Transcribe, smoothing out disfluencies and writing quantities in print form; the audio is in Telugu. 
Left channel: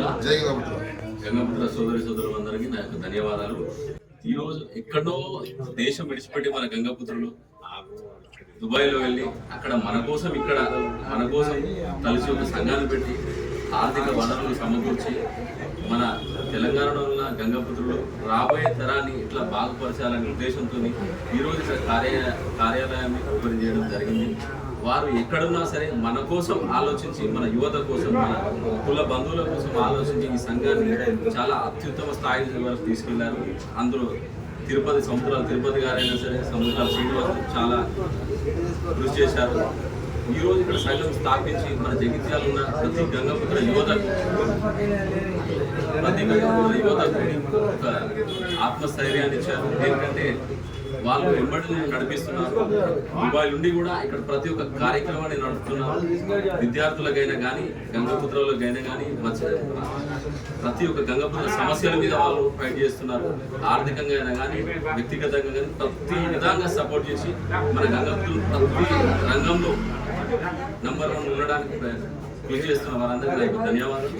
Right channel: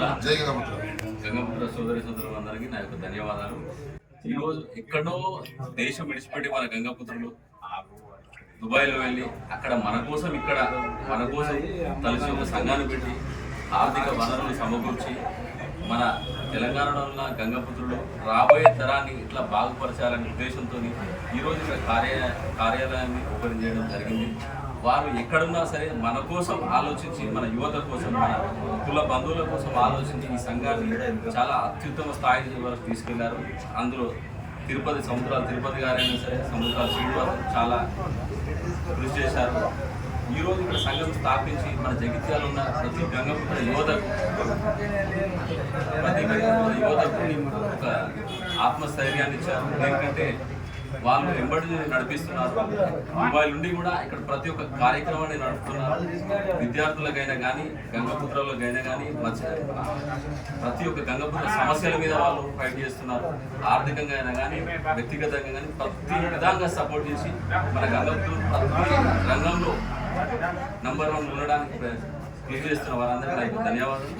గంగపుత్ర సోదరి సోదరులందరికీ నా యొక్క ధన్యవాదాలు. ఈరోజు ఎక్కడో దేశం విడిచిపెట్టి మన గంగపుత్రులు దుబాయ్లో వెళ్ళి అక్కడ మన కోసం కలిసి ఒక సంఘాన్ని పెట్టి ఆర్థిక వనరులు సమకూర్చి మన తెలంగాణలో ఉన్న గంగపుత్రులు రాబోయే తరాన్ని ఇట్లా బాగుపరచాలనే ఉద్దేశంతో ఈరోజు ఇక్కడ కార్యాలయాన్ని ఓపెన్ చేయడం జరిగింది. వారు ఎక్కడున్నా సరే మన కోసం ఆలోచించి, మన యువత కోసం, మన కుల బంధువుల కోసం ఆలోచించి ఈ సంఘాన్ని చాలా అత్యుత్తమ స్థాయి వరకు తీసుకెళ్లారు. అందులో తిరుపతి గారైనా సరే, సముద్రాల శ్రీనివాస్ చాలా కృషి చేశారు. ఈరోజు ఇక్కడ సంఘం స్థాపించి మన జగిత్యాల ఉన్న ప్రతి గంగపుత్ర యువతకు ఒక ఆత్మస్థైర్యాన్ని ఇచ్చారు. ఎందుకంటే వాళ్ళు వెంబడి నడిపిస్తున్నారు. దుబాయ్ నుండి కూడా ఇక్కడ ప్రతి ఒక్క కార్యక్రమాన్ని నడుపుతున్నారు. విద్యార్థులకైనా కానీ, గంగపుత్రులకైనా కానీ, ప్రతి ఒక్క గంగపుత్ర సమస్యల మీద వాళ్ళు ఫైట్ చేస్తున్నారు. ఆర్థికంగా అయినా కానీ, వ్యక్తిగతంగా కానీ ప్రతి విధంగా సపోర్ట్ చేసి మన గంగపుత్రులు ప్రతి రంగంలో నంబర్ 1 ఉండడానికి కృషి చేస్తున్న వారందరికీ నాకు ధన్యవాదాలు.